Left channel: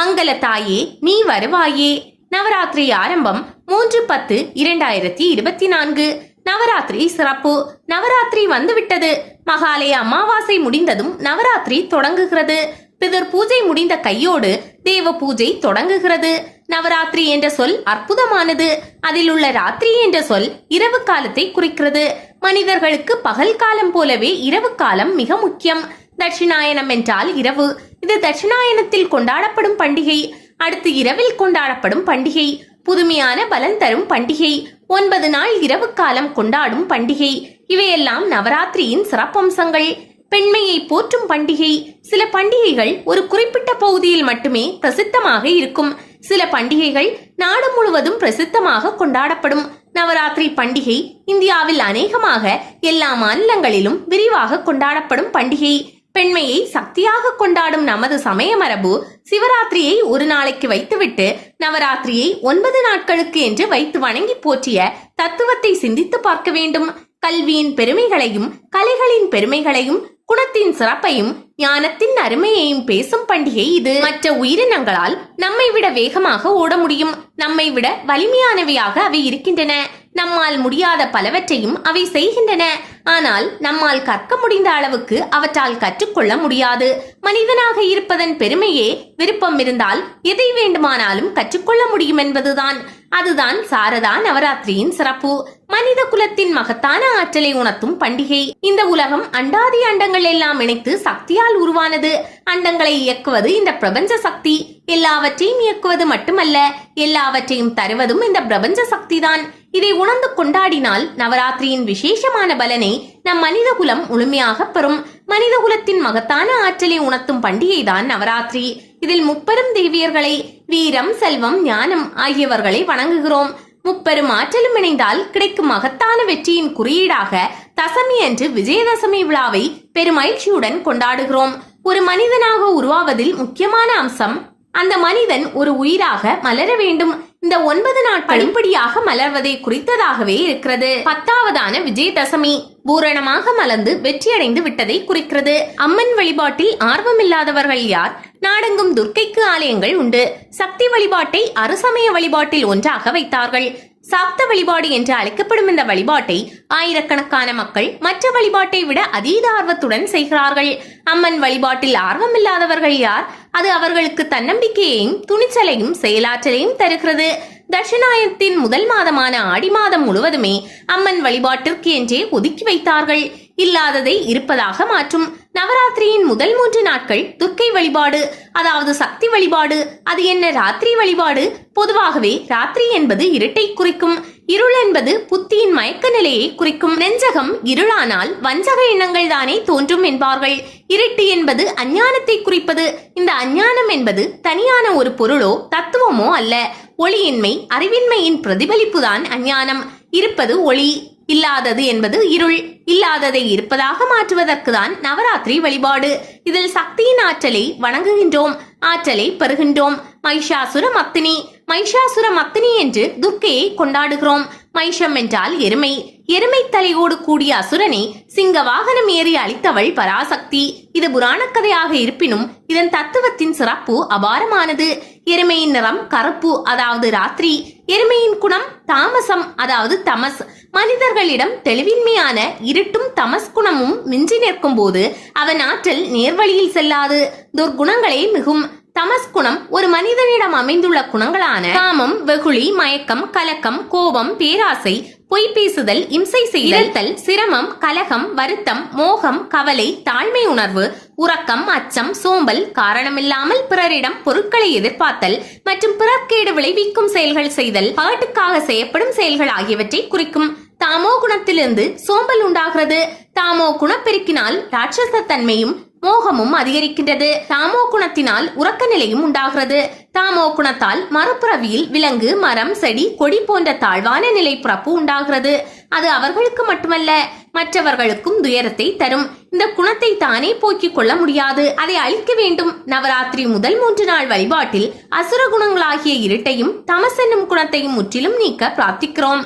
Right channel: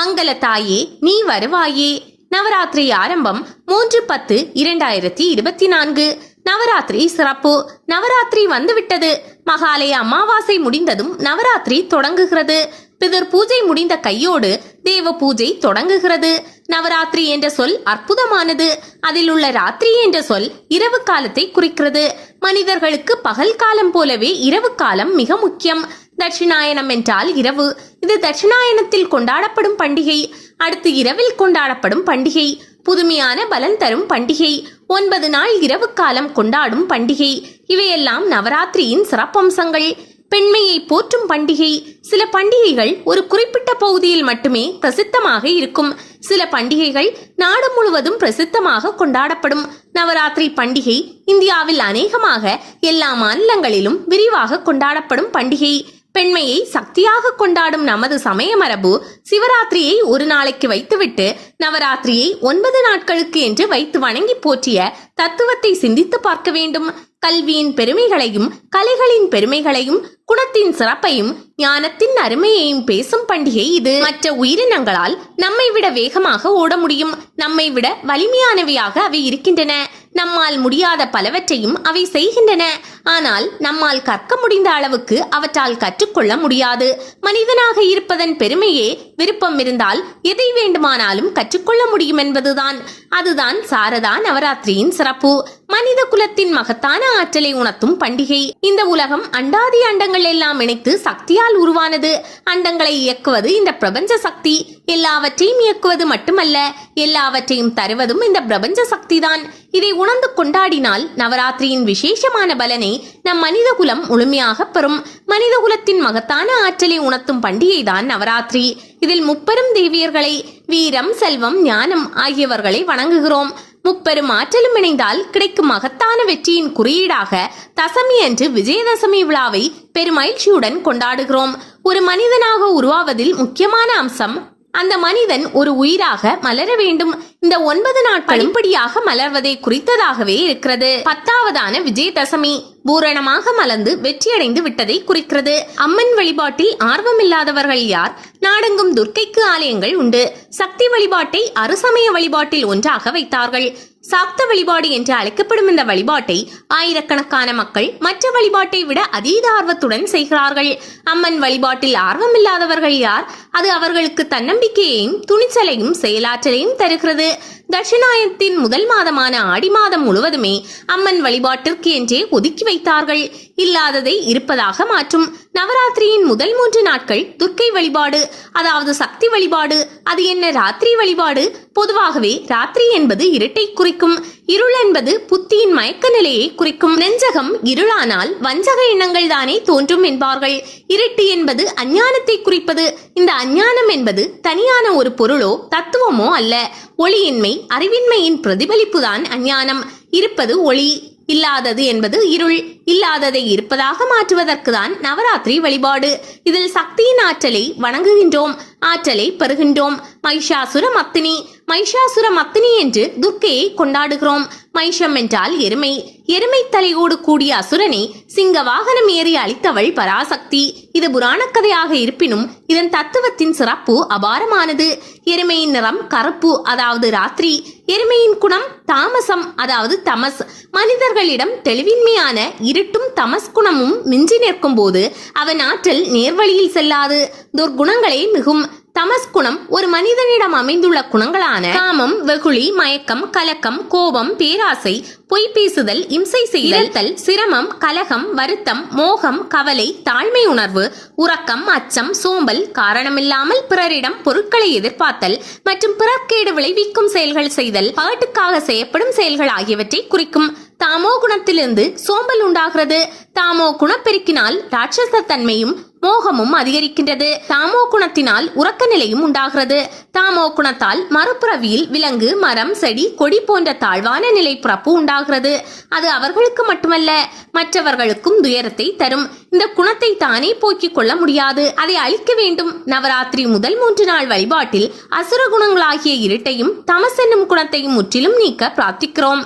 மங்கள தாயே நீ வருவாயே. நவராத்திரி ஆரம்பம் மூன்று பத்து இரண்டாயிரத்தி இருபத்தி நான்கு. நவராத்திரி சிறப்பு. நவராத்திரி வந்துவிட்டது. மகாலய அமாவாசை முடிந்ததும் நவராத்திரி தொடங்குகிறது. பிதர் பூஜை முடிந்த கையோடு தேவ பூஜை தொடங்குகிறது. நவராத்திரி என்ற சொல் அற்புதமானது. அதில் உள்ள ராத்திரி என்ற சொல் இரவு காலத்தை குறிக்கிறது. மனிதர்களுக்கு பகல் காலம் போலவே இரவு காலம் மிக முக்கியம். தட்சிணாயனம் என்றால் இரவு. இது தட்சிணாயனத்தில் கொண்டாடப்படும் பண்டிகை. அடுத்து இரவில் கொண்டாடப்படும் பண்டிகை. புதுமையான பலன் தரும் பண்டிகை. ஒன்பது நாள் இரவு காலம் கொண்டாடும் பண்டிகை. இவையெல்லாம் நவராத்திரியின் சிறப்பம்சங்கள். பெண்மையை போற்றும் பண்டிகை. சில பண்டிகைகள் ஒரு குறிப்பிட்ட பகுதியில் மட்டுமே பிரசித்தமாக இருக்கும். சில பண்டிகைகள் நாடு முழுவதும் பிரசித்தமாக கொண்டாடப்படும். நவராத்திரி பண்டிகை இந்தியாவில் அநேகமாக எல்லா மாநிலங்களிலும் விரிவாக கொண்டாடப்படும் பண்டிகை. பெண்மையை சக்தியாக கொண்டாடும் நமது சமய மரபு சிவராத்திரியை ஒரு நாளைக்கு வைத்துவிட்டு நவராத்திரியை ஒன்பது நாட்களுக்கு என்று வைத்து வணங்கி போற்றிய தத்துவத்தை சிந்தித்து பார்க்க வேண்டும். கல்வியின் பெருமைகளையும் கலைகளின் பெருமைகளையும் குணத்தின் சிறப்பையும் ஞானத்தின் அருமையையும் பேசும் பண்டிகை இது. மற்ற உயிரினங்களால் நம்மை விட வேகமாக ஓட முடியும். நம்மை விட வலிமையானவையாக அவை இருக்கின்றன. நம்மால் முடியாத பலவற்றையும் அவை செய்கின்றன. ஆனால் நம்மால் கற்க முடிந்த அளவுக்கு அவற்றால் கற்றுக்கொள்ள முடியாது. மனிதனாக இருப்பதன் பெருமையே விருப்பம் இருந்தால் எதை வேண்டுமானாலும் கற்றுக்கொள்ள முடியும் என்பதுதான். அதுதான் சாரதா நவராத்திரியின் சிறப்பு. மனித குலத்தின் மகத்தான ஆற்றலை உணர்த்தும் பண்டிகை. இந்த உலகம் அண்டாதி அண்டங்கள் எல்லாம் இணைத்து சக்தியால் உருவானது. அண்டங்களை இயக்குவது இந்த பிரபஞ்ச சக்தி. எல்லாவற்றையும் இயக்குவது மட்டுமல்ல எல்லாவற்றையும் தருவதும் இந்த பிரபஞ்ச சக்தி தான் இதை உணர்ந்து கொண்டாடினால் நவராத்திரியின் விசேஷமான பலனை நம் மனித குலம் முழுமையாக பெறும். மனித குலத்தின் மகத்தான ஆற்றலை உணர்த்தும் பண்டிகை தான் நவராத்திரி. இதில் முப்பெரும் தேவியர்களை வீரம் செல்வம் ஞானம் ஆகியவர்களை வணங்குகிறோம். முப்பெரும் ஆற்றலும் இணைந்தால் கிடைக்கும் மகத்தான வெற்றியின் குறியீடாக தசமி அன்று விஜயதசமி விழாவை பெருமகிழ்ச்சியுடன் கொண்டாடுகிறோம். ஒரு மனிதனாக உருவாவதில் முக்கியமான அம்சம் அந்த மனிதன் ஒரு உயிராக மலர வேண்டும். இந்த ஒன்பது நாட்கள் படிப்படியாக மலர்வதை குறித்ததாகவே இருக்கிறது. பத்தாவதான விஜயதசமி பூரணமாக மலர்ந்து வெற்றியடைந்து விட்டதை குறிக்கிறது. அம்மன் வழிபாட்டில் ஆர்வமில்லாதவர்கள் யார்? நாடெங்கும் துர்க்கைக்கு ஆலயங்கள் உண்டு. சக்தி வழிபாட்டை அருசமய வழிபாட்டில் ஒன்றாக வைத்தார்கள். சாப்த வழிபாடு என்று அழைக்கப்படும் இந்த வழிபாட்டை ஆயிரக்கணக்கான மக்கள் மற்ற வழிபாட்டை விட அதீத ஆர்வத்துடன் செய்கிறார்கள். அம்மன் வழிபாட்டில் ஆர்வமில்லாதவர்கள் யார்? அது அவர்களுக்கு தன்னம்பிக்கையையும் துணிச்சலையும் செயலாற்றலையும் தருகிறது. தட்சிணாயத்தின் முதல் மாதமான ஆடி மாதம் முழுவதுமே அம்மன் வழிபாட்டிற்கு என்றே ஒதுக்கி வைத்தார்கள். இல்லாததை இருப்பதாக மாற்றும். நவராத்திரியின் முதல் மூன்று நாட்கள் துர்க்கை வழிபாடு அதாவது சக்தி வழிபாடு. அது என்ன ராத்திரி வழிபாடு? பொதுவாகவே ராத்திரி என்பது இருட்டை குறிக்கும். இருள் என்பது புத்தியின் மயக்க நிலையை குறிக்கும். நெஞ்சகம் இருளானால் வஞ்சக எண்ணங்கள் தானே தோன்றும் என்பார்கள். இருட்டு என்பது அஞ்ஞானத்தை குறிப்பது. இந்த அஞ்ஞானம் என்பது தனியான ஒரு பொருளோ தத்துவமோ அல்ல. ஒளியின்மை அறிவின்மையின் பிரதிபலிப்புதான் அஞ்ஞானம். இருப்பது ஒளி. இல்லாதது என்பது இருள். இல்லாததை இருப்பதாக மாற்றுவதற்கு தான் நவராத்திரி வழிபாடு. இதில் சக்தியின் ஆற்றலை வணங்குகின்றோம். ஆற்றலை பெறுகின்றோம். மைஷாசுர மத்தினி. மைஷாசுர மத்தினி என்று துர்க்கையை கொண்டாடுகிறோம். மைஷம் என்றால் எருமை. எருமை தலையோடு கூடிய அசுரனை சிங்க வாகனம் ஏறி அளித்தவள் பராசக்தி. இது புராண கதையாக இருப்பினும் இதன் தத்துவத்தின் சிறப்பு அபாரமானது. எருமையின் நிறம் கருப்பு அதாவது ராத்திரி. எருமையின் குணம் தாமசம் அதாவது தமஸ். மனிதர்களிடம் தெளிவின்மையான இருட்டும் தமஸ் குணமும் மிஞ்சி நிற்கும் போது அவன் ஆற்றல் நேர்வழியில் செல்லாது. துர்குணங்களே மிகும். தமஸ் குணம் ஒரு மனிதனிடம் அமைந்துள்ள குணங்களான காமம் வெகுளி மயக்கம் கலக்கம் கோபம் பேராசை பொய் பேசுதல் இம்சை செய்தல் சிரமம் கலகம் வருத்தம் மோகம் கவலை தாழ்மை உணர்வு உறக்கம் அச்சம் சோம்பல் காரணமில்லாமல் பிறரிடம் பொருட்களை எதிர்பார்த்தல் மற்றும் பிறக்கேடு விளைவிக்கும் செயல்கள் செய்தல் பாட்டுக்காக செய்யப்படும் செயல்கள் ஆகியவற்றை குறிக்கும். தாமோ குணத்திலிருந்து சோம்பல் உண்டாகிறது. தாமோ குணப்பெருக்கினால் ராட்சச தன்மையும் மோகமும் அதிகரிக்கின்றது. தாமோ குணத்தினால் உறக்க நிலையும் உண்டாகிறது. தாமோ குணத்தால் மறுபுறவியில் விலங்கு மரம் செடி கொடி போன்ற தாழ்வான நிலை பிறப்பு உண்டாகிறது. அது அவர்களுக்கு மட்டுமல்ல மற்றவர்களுக்கும் துயரத்தை தரும். இந்த குணத்தை தானே போக்கிக் கொள்ள முடியாது. அதை அழிக்க வேண்டும். நவராத்திரி முதல் மூன்று நாள் வழிபாட்டில் அசுர குணங்களாகிய இருட்டையும் தமஸ் என்னும் குணத்தையும் முற்றிலும் நீக்க பிரார்த்திக்கிறோம்.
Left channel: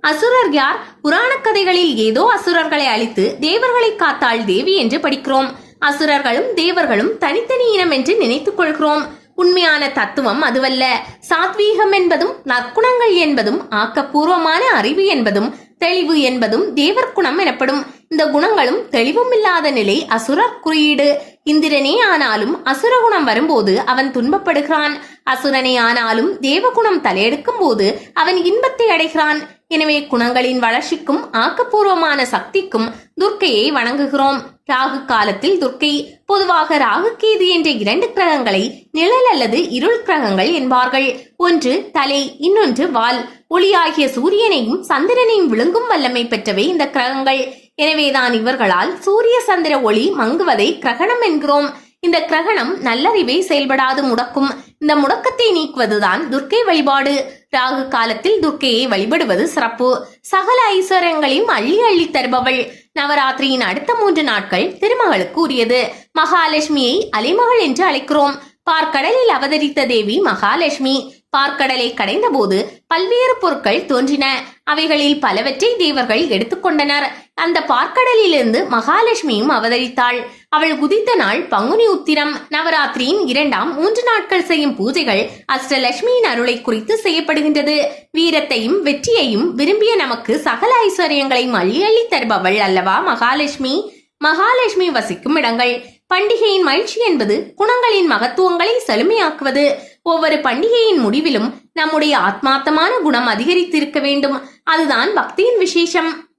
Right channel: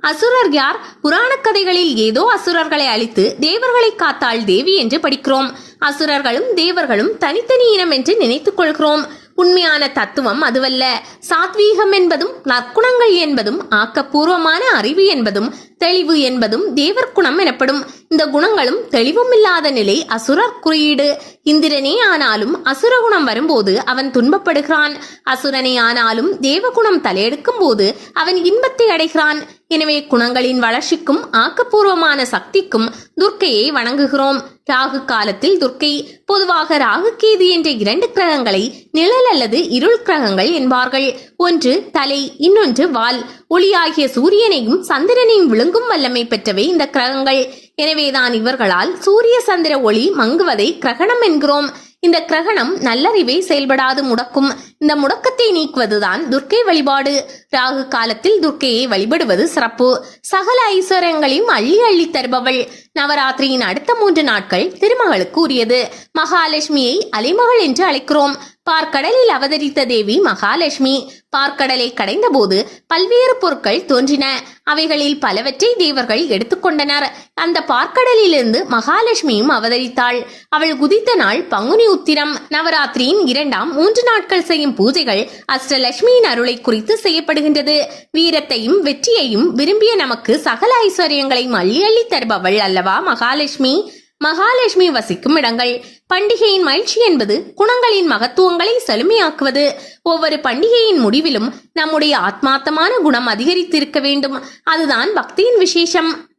அசுரர் யார்? புராண கதைகளில் ஏதோ அசுரர்களை அழித்து தேவர்களை காத்தாள் தேவி என்று படிக்கிறோம். அசுரர்களும் தேவர்களும் தனித்தனி இனம் என்று நினைத்துக் கொள்கிறோம் உண்மையான தத்துவம் அதுவல்ல. சாத்வீகம் என்பதும் நற்குணங்கள் என்பதும் ஆக்கப்பூர்வமான அறிவு என்பதும் தெளிவு என்பதும் தேவர் குணம் எனப்படும். இந்த குணங்களும் தெளிவும் இல்லாத நிலை அசுரர் குறியீடு. இந்திரனே ஆனாலும் அசுர குணம் வரும்போது அவன் துன்பப்படுகிறான். அசுரனே ஆனாலும் தேவகுணம் தலையெடுக்கும் போது அவன் இன்பத்தை அடைகிறான். எனவே குணங்களின் வளர்ச்சிக்கும் ஆக்கப்பூர்வமான சக்திக்கும் துர்க்கையை வணங்குகிறோம். ராகு காலத்தில் துர்க்கை பொதுவாக ராகு கேது என்ற இரண்டு கிரகங்களை நிழல் அல்லது இருள் கிரகங்கள் என்பார்கள். ஒன்று தலை இன்னொன்று வால். ஒளியாகிய சூரியனையும் சந்திரனையும் விழுங்கும் வல்லமை பெற்றவை இந்த கிரகங்கள். எனவேதான் இவர்களால் சூரிய சந்திர ஒளி மங்குவதை கிரகணம் என்கிறோம். இந்த கிரகணம் நல்லறிவை செயல்படாது முடக்கும். இந்த முடக்கத்தை நீக்குவதுதான் துர்க்கை வழிபாடு. ராகு காலத்தில் துர்க்கையை வழிபடுவது சிறப்பு. சகல ஐஸ்வர்யங்களையும் அள்ளி அள்ளி தருபவள். நவராத்திரியின் அடுத்த மூன்று நாட்கள் திருமகளுக்கு உரியது. மகாலட்சுமியை அலைமகள் என்று அழைக்கிறோம். பார்க்கடலில் அவதரித்த தேவி மகாலட்சுமி. பார்க்கடலை கடைந்தபோது பல்வேறு பொருட்கள் தோன்றின. அவைகளில் பலவற்றை தேவர்கள் எடுத்துக்கொண்டனர் அந்த பார்க்கடலிலிருந்து மகாலட்சுமியும் அவதரித்தாள். அவள் குதித்த நாள் பங்குனி உத்திரம். நவராத்திரியின் இரண்டாம் மூன்று நாட்கள் செய்யும் பூஜைகள் அஷ்டலட்சுமியின் அருளை குறித்து செய்யப்படுகின்றது. வீரத்தையும் வெற்றியையும் விரும்பிய நமக்கு சகல ஐஸ்வர்யங்களையும் அள்ளி அள்ளி தருபவள் அல்லவா மகாலட்சுமி? மகாலட்சுமி வசிக்கும் இடங்கள். பண்டிகையின் மகிழ்ச்சி என்பது குணங்களின் மகத்துவங்களை செழுமையாக்குவது. ஒவ்வொரு பண்டிகையின் முடிவிலும் நம்முடைய ஆத்மார்த்தமான குணம் அதிகரித்திருக்க வேண்டும். அதுதான் பக்தியின் விசேஷம்.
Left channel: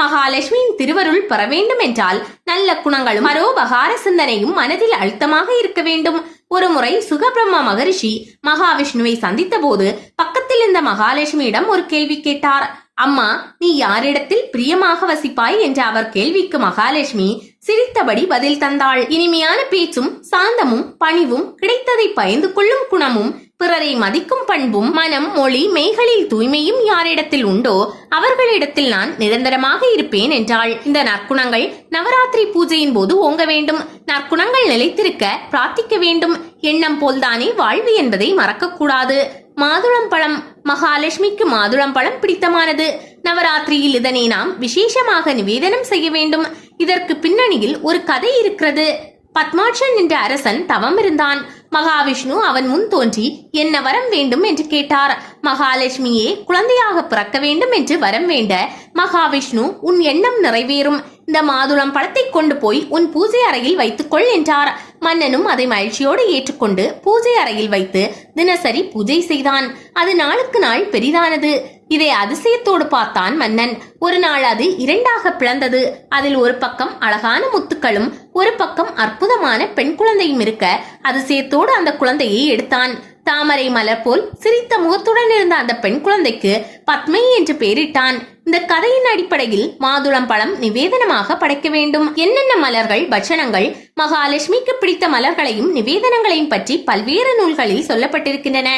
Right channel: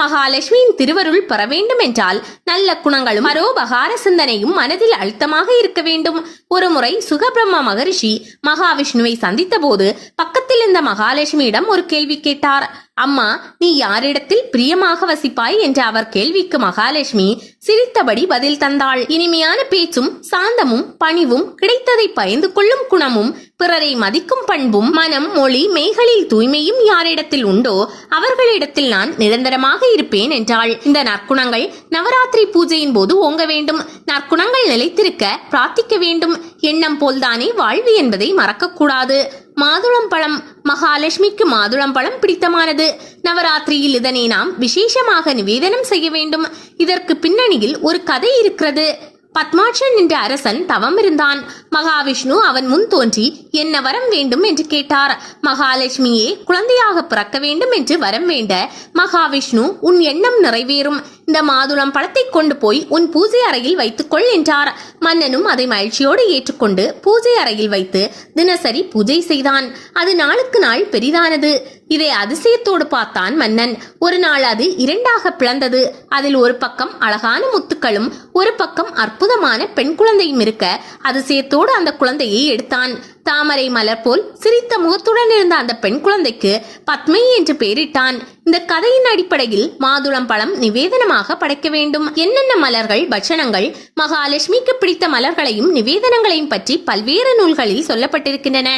மகாலட்சுமியின் திருவருள் பெற வேண்டும் என்றால் நல்ல குணங்களும் மரோபகார சிந்தனையும் மனதில் அழுத்தமாக இருக்க வேண்டும். ஒரு முறை சுகபிரம்ம மகரிஷி மகாவிஷ்ணுவை சந்தித்த போது பக்கத்தில் இருந்த மகாலட்சுமியிடம் ஒரு கேள்வி கேட்டார். அம்மா நீ யாரிடத்தில் பிரியமாக வசிப்பாய் என்ற அவர் கேள்விக்கு மகாலட்சுமி சிரித்தபடி பதில் தந்தாள். இனிமையான பேச்சும் சாந்தமும் பணிவும் கிடைத்ததை பயந்து கொள்ளும் குணமும் பிறரை மதிக்கும் பண்பும் மனம் மொழி மெய்களில் தூய்மையும் யாரிடத்தில் உண்டோ அவர்களிடத்தில் நான் நிரந்தரமாக இருப்பேன் என்றாள். இந்த நற்குணங்கள் நவராத்திரி பூஜையின் போது ஓங்க வேண்டும். நற்குணங்கள் நிலைத்திருக்க பிரார்த்திக்க வேண்டும். எண்ணம் போல்தானே வாழ்வு என்பதை மறக்கக்கூடாது. மாதுளம் பழம் மகாலட்சுமிக்கு மாதுளம் பழம் பிடித்தமானது. நவராத்திரியில் இதனை நாம் விசேஷமாக நிவேதனம் செய்ய வேண்டும். இதற்கு பின்னணியில் ஒரு கதை இருக்கிறது. பத்மாட்சன் என்ற அரசன் தவம் இருந்தான். மகாவிஷ்ணு அவன் முன் தோன்றி என்ன வரம் வேண்டும்? என்று கேட்டார். மகாலட்சுமியே குழந்தையாக பிறக்க வேண்டும் என்று வரம் வேண்ட மகாவிஷ்ணு உன் எண்ணம் நிறைவேறும். இந்த மாதுளம் பழத்தை கொண்டு போய் உன் பூஜை அறையில் வைத்துக்கொள் என்றார். மன்னனும் அதை மகிழ்ச்சியோடு ஏற்றுக்கொண்டு பூஜை அறையில் வைத்து தினசரி பூஜை செய்தான். அது நாளுக்கு நாள் பெரிதானது. இதை அதிசயத்தோடு பார்த்தான் மன்னன். ஒரு நாள் அது இரண்டாக பிளந்தது. அதில் ஒரு பக்கம் அழகான முத்துக்களும் ஒரு பக்கம் அற்புதமான பெண் குழந்தையும் இருக்க அதிசயத்தோடு அந்த குழந்தையை எடுத்தான். தாமரை மலர் போல் சிரித்த முகத்துடன் இருந்த அந்த பெண் குழந்தைக்கு பத்மை என்று பெயரிட்டான். இந்த கதையின் அடிப்படையில் மாதுளம் பழம் நிவேதனமாக படைக்க வேண்டும். என்னென்ன மலர்கள் பட்சணங்கள் மகாலட்சுமிக்கு பிடித்த மலர்களையும் நிவேதனங்களையும் பற்றி பல்வேறு நூல்களில் சொல்லப்பட்டிருக்கின்றன.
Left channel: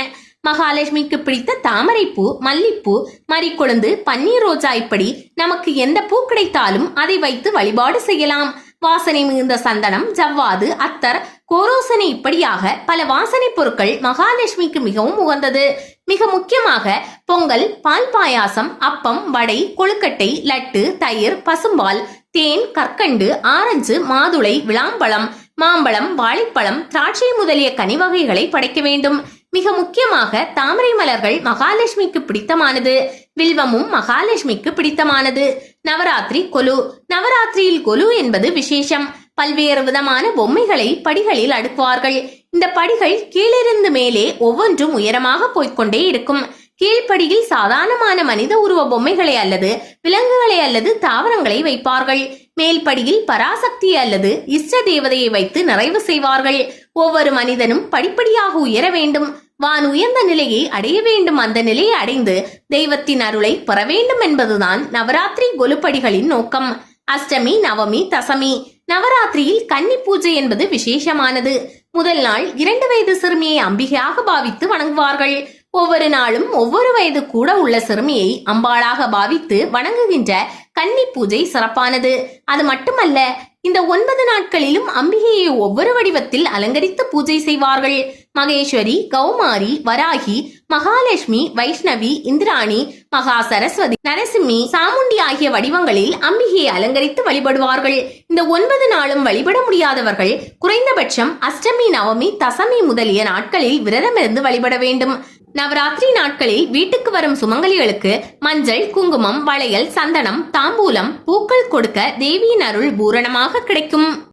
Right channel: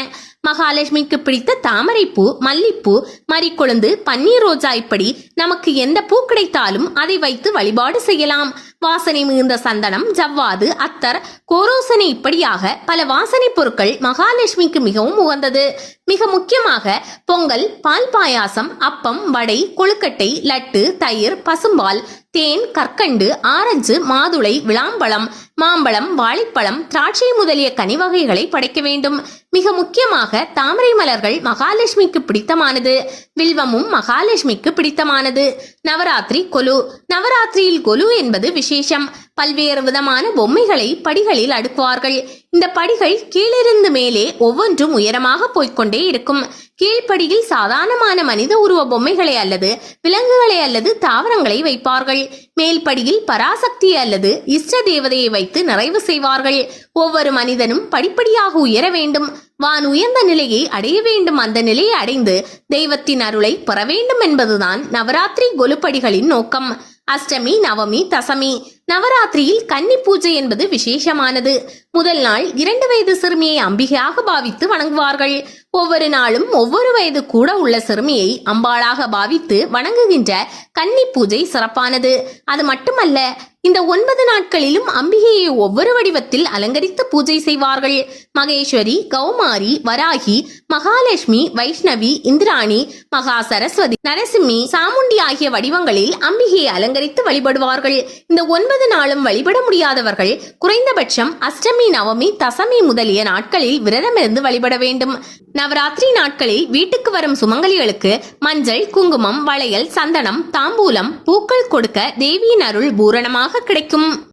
மகாலட்சுமிக்கு பிடித்த தாமரைப்பூ மல்லிப்பூ மறிக்கொழுந்து பன்னீர் ரோஜா இப்படி நமக்கு எந்த பூ கிடைத்தாலும் அதை வைத்து வழிபாடு செய்யலாம். வாசனை மிகுந்த சந்தனம் ஜவ்வாது அத்தர் கோரோசனை இப்படியாக பல வாசனை பொருட்கள் மகாலட்சுமிக்கு மிகவும் உகந்தது. மிக முக்கியமாக பொங்கல் பால் பாயாசம் அப்பம் வடை கொழுக்கட்டை லட்டு தயிர் பசும்பால் தேன் கற்கண்டு ஆரஞ்சு மாதுளை விளாம்பழம் மாம்பழம் வாழைப்பழம் திராட்சை முதலிய கனி வகைகளை படைக்க வேண்டும். மிக முக்கியமாக தாமரை மலர்கள் மகாலட்சுமிக்கு பிடித்தமானது. வில்வமும் மகாலட்சுமிக்கு பிடித்தமானது. நவராத்திரி கொலு. நவராத்திரியில் கொலு என்பது விசேஷம். பல்வேறு விதமான பொம்மைகளை படிகளில் அடுக்குவார்கள். இந்த படிகள் கீழிருந்து மேலே ஒவ்வொன்றும் உயரமாக போய்க்கொண்டே இருக்கும். கீழ்ப்படியில் சாதாரணமான மனித உருவ பொம்மைகளை அல்லது விலங்குகளை அல்லது தாவரங்களை வைப்பார்கள். மேல்படியில் பராசக்தி அல்லது இஷ்ட தேவதையை வைத்து நிறைவு செய்வார்கள். ஒவ்வொரு மனிதனும் படிப்படியாக உயர வேண்டும். வான் உயர்ந்த நிலையை அடைய வேண்டும். அந்த நிலையை அடைந்து தெய்வத்தின் அருளை பெற வேண்டும் என்பதுதான் நவராத்திரி கொலுப்படிகளின் நோக்கம். அஷ்டமி நவமி தசமி. நவராத்திரியில் கன்னி பூஜை என்பது விசேஷமானது. முதல் நாள் இரண்டு வயது சிறுமியை அம்பிகையாக பாவித்து வணங்குவார்கள். ஒவ்வொரு நாளும் ஒவ்வொரு வயது கூட உள்ள சிறுமியை அம்பாளாக பாவித்து வணங்குகின்ற கன்னி பூஜை சிறப்பானது. அது மட்டுமல்ல இந்த ஒன்பது நாட்களிலும் அம்பிகையை ஒவ்வொரு வடிவத்தில் அலங்கரித்து பூஜை செய்வார்கள். மகேஸ்வரி கௌமாரி வராகி மகாலட்சுமி வைஷ்ணவி இந்திராணி மகா சரஸ்வதி நரசிம்மி சாமுண்டி ஆகிய வடிவங்களில் அம்பிகையை அலங்கரித்து வழிபடுவார்கள். இந்த ஒன்பது நாளும் வழிபட முடியாதவர்கள் குறைந்தபட்சம் அஷ்டமி நவமி தசமி முதலிய நாட்களில் விரதமிருந்து வழிபட வேண்டும். நவராத்திரி நாட்களில் வீட்டுக்கு வரும் சுமங்கலிகளுக்கு மஞ்சள் குங்குமம் வளையல் சந்தனம் தாம்பூலம் பூக்கள் கொடுக்க தேவியின் அருள் பூரணமாக கிடைக்கும்.